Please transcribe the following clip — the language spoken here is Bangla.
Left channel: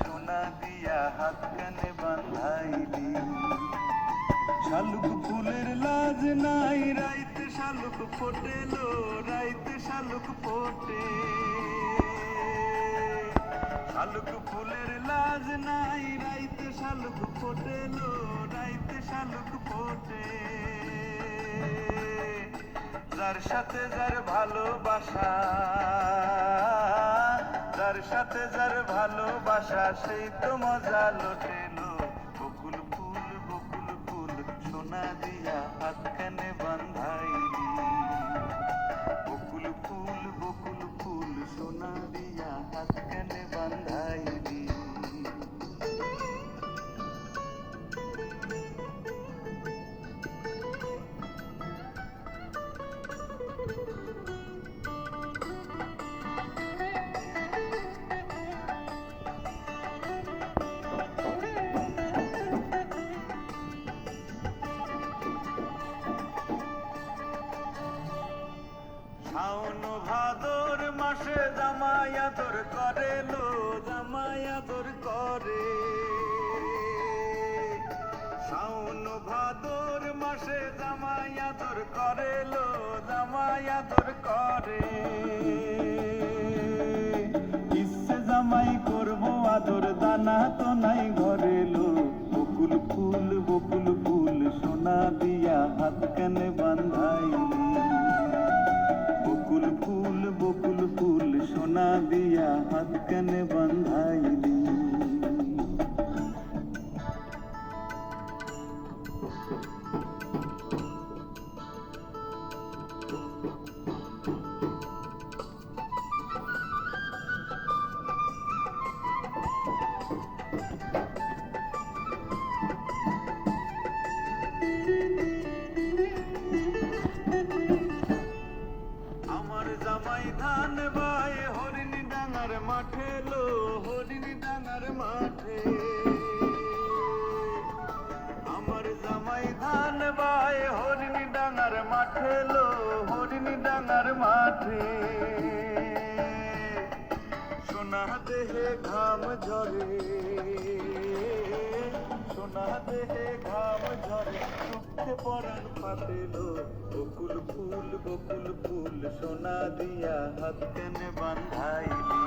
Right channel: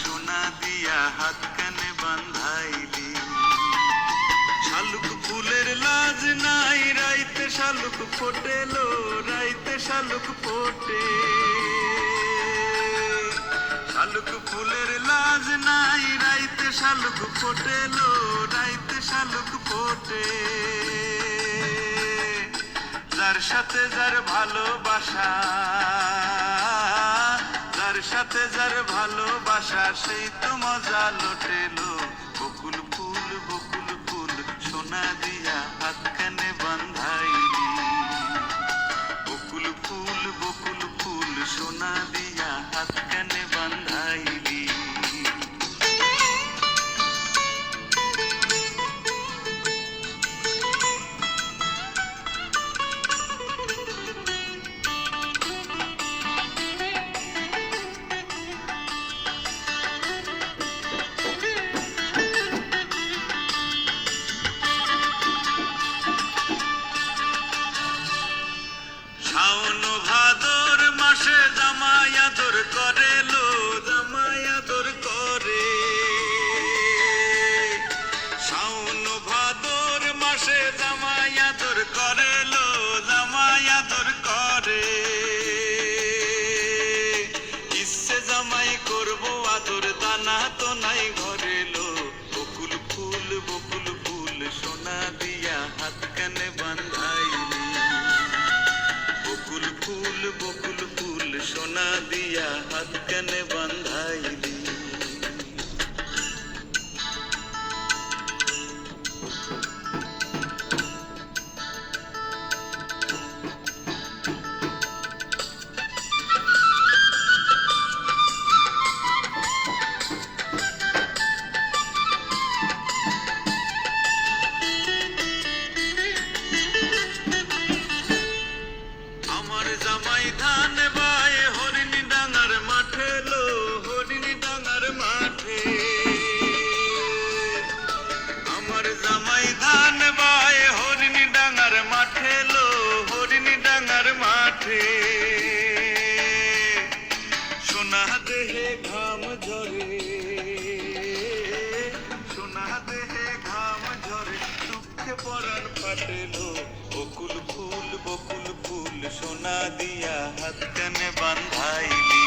সোনা দিয়া হাত কানে বান্ধাইলি। শালুক ফুলের লাজ নাই, রাইতে শালুক ফোটেলো, রাইতে শালুক ফোটে। শালুক ফুলের লাজ নাই, রাইতে শালুক ফোটেলো, রাইতে শালুক ফোটে। যার সাথে যার ভালোবাসা, যার সাথে যার ভালোবাসা, সেই তো মজা লোটেলো। বকুল ফুল বকুল ফুল সোনা দিয়া হাত কানে বান্ধাইলি। বকুল ফুল সোনা দিয়া হাত কানে বান্ধাইলি। শাওন ভাদর মাসে জামাই আদর করে লো, জামাই আদর করে। শাওন ভাদর মাসে জামাই আদর করে লো, জামাই আদর করে। ইচ্ছে জামাই করবো আদর, দানা তো নাই ঘরে লো। বকুল ফুল সোনা দিয়া হাত কানে বান্ধাইলি। বকুল ফুল সোনা দিয়া হাত কানে বান্ধাইলি। আমার জামাই ধান বায় হরিণী ডাঙার মাঠে লো, হরিণী ডাঙার মাঠে। আমার জামাই ধান বায় হরিণী ডাঙার মাঠে লো, হরিণী ডাঙার মাঠে। সোনা দেহে ঘাম ঝরে, সোনা দেহে ঘাম ঝরে, দুঃখে পরাণ ফাটেলো। বকুল ফুল সোনা দিয়া হাত কানে বান্ধাইলি।